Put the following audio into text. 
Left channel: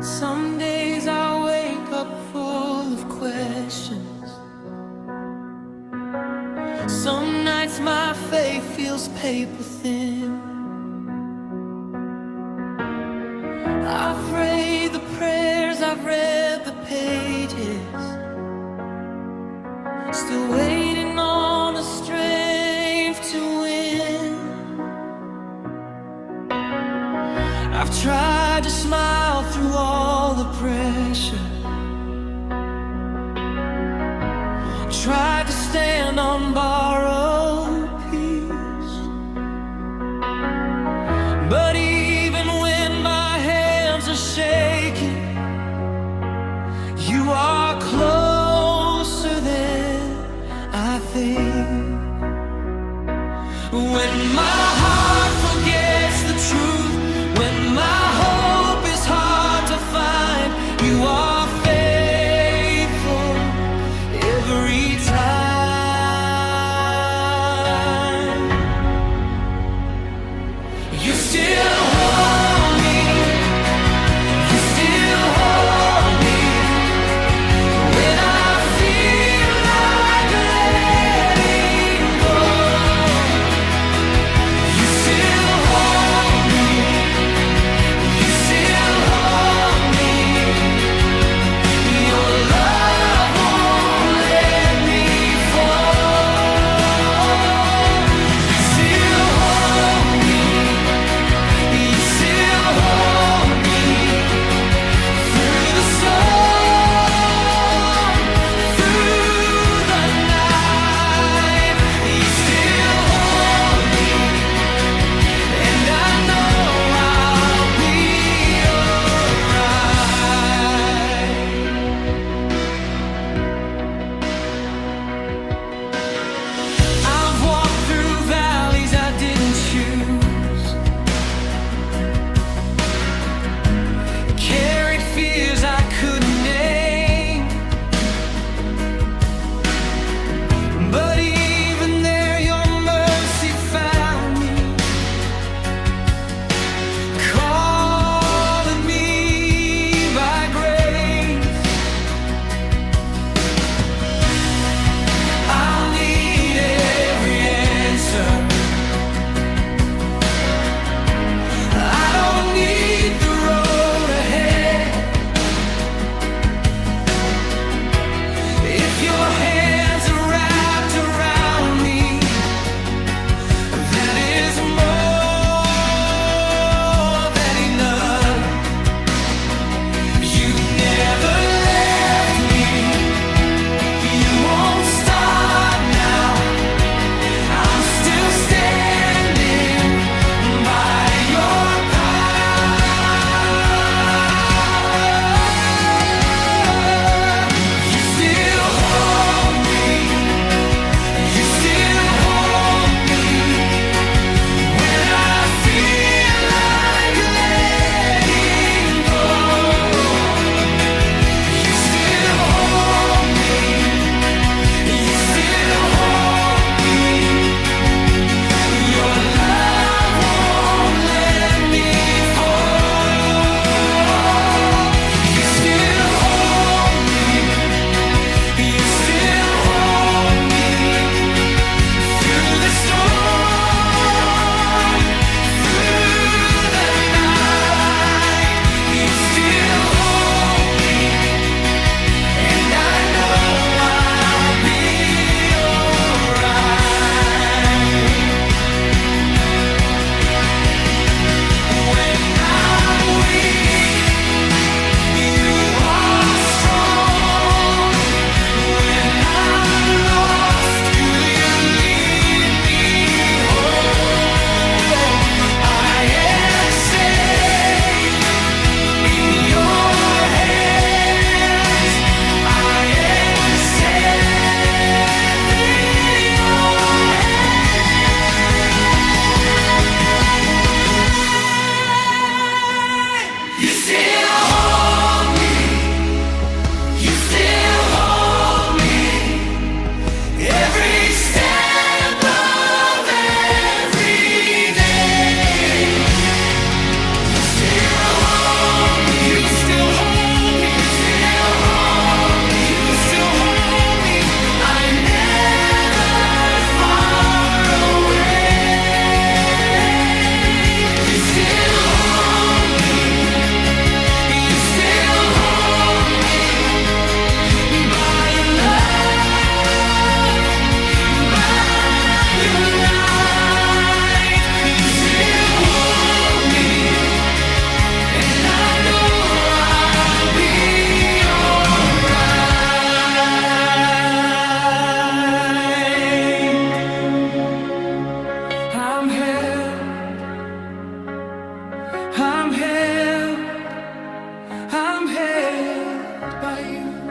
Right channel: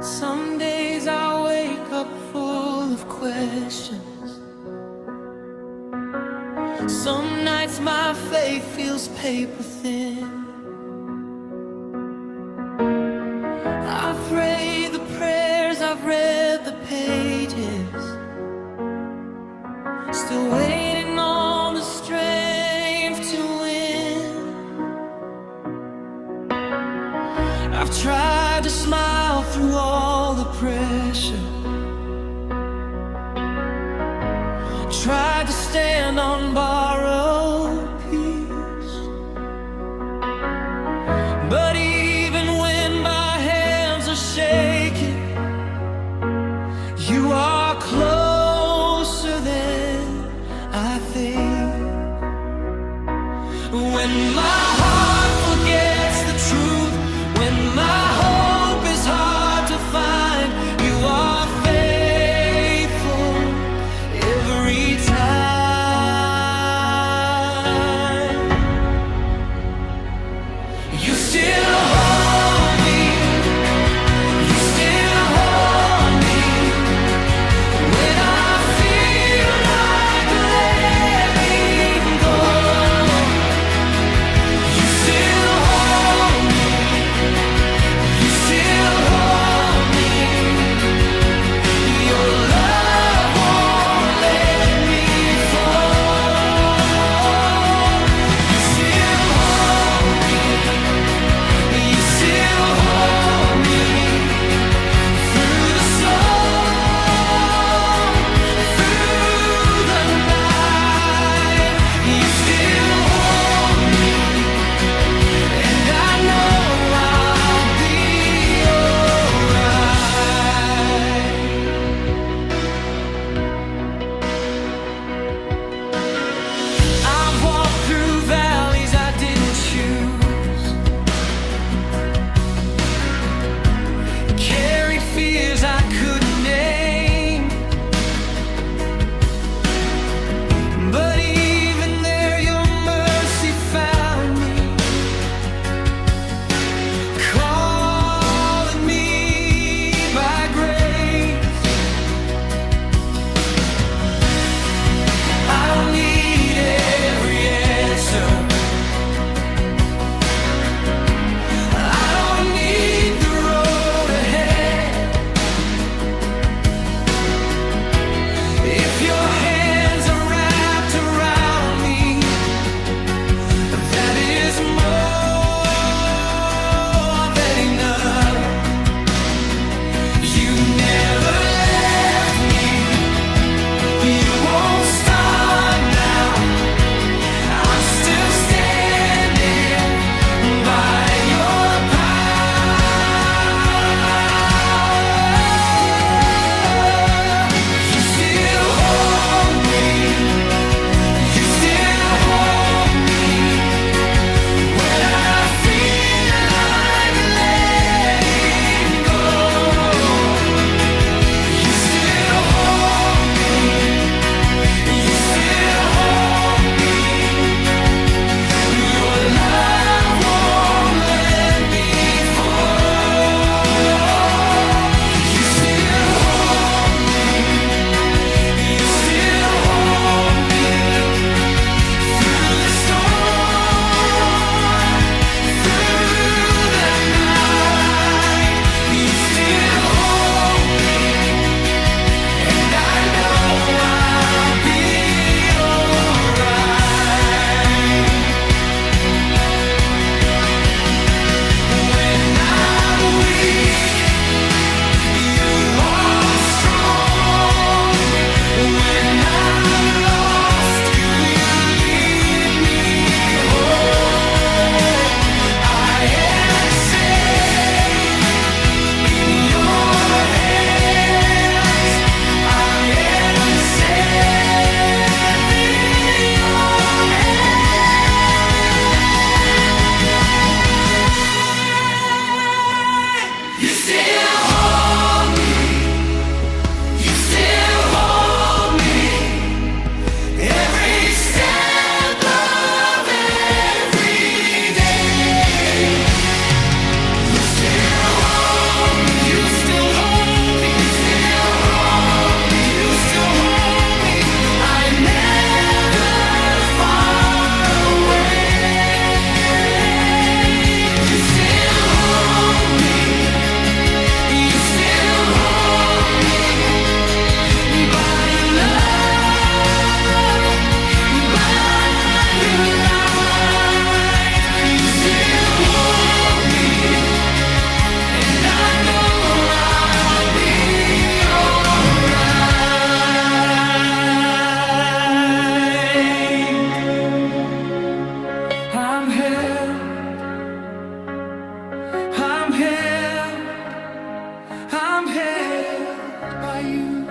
Some days I wake up full of questions. Some nights my faith feels paper thin. I pray the prayers, I've read the pages, still waiting on the strength to win. I've tried to smile through all the pressure, tried to stand on borrowed peace, but even when my hands are shaking, you are closer than I think. When my heart forgets the truth, when my hope is hard to find, you are faithful every time. You still hold me, you still hold me when I feel like letting go. You still hold me, you still hold me. Your love won't let me fall. You still hold me, I'm held by you.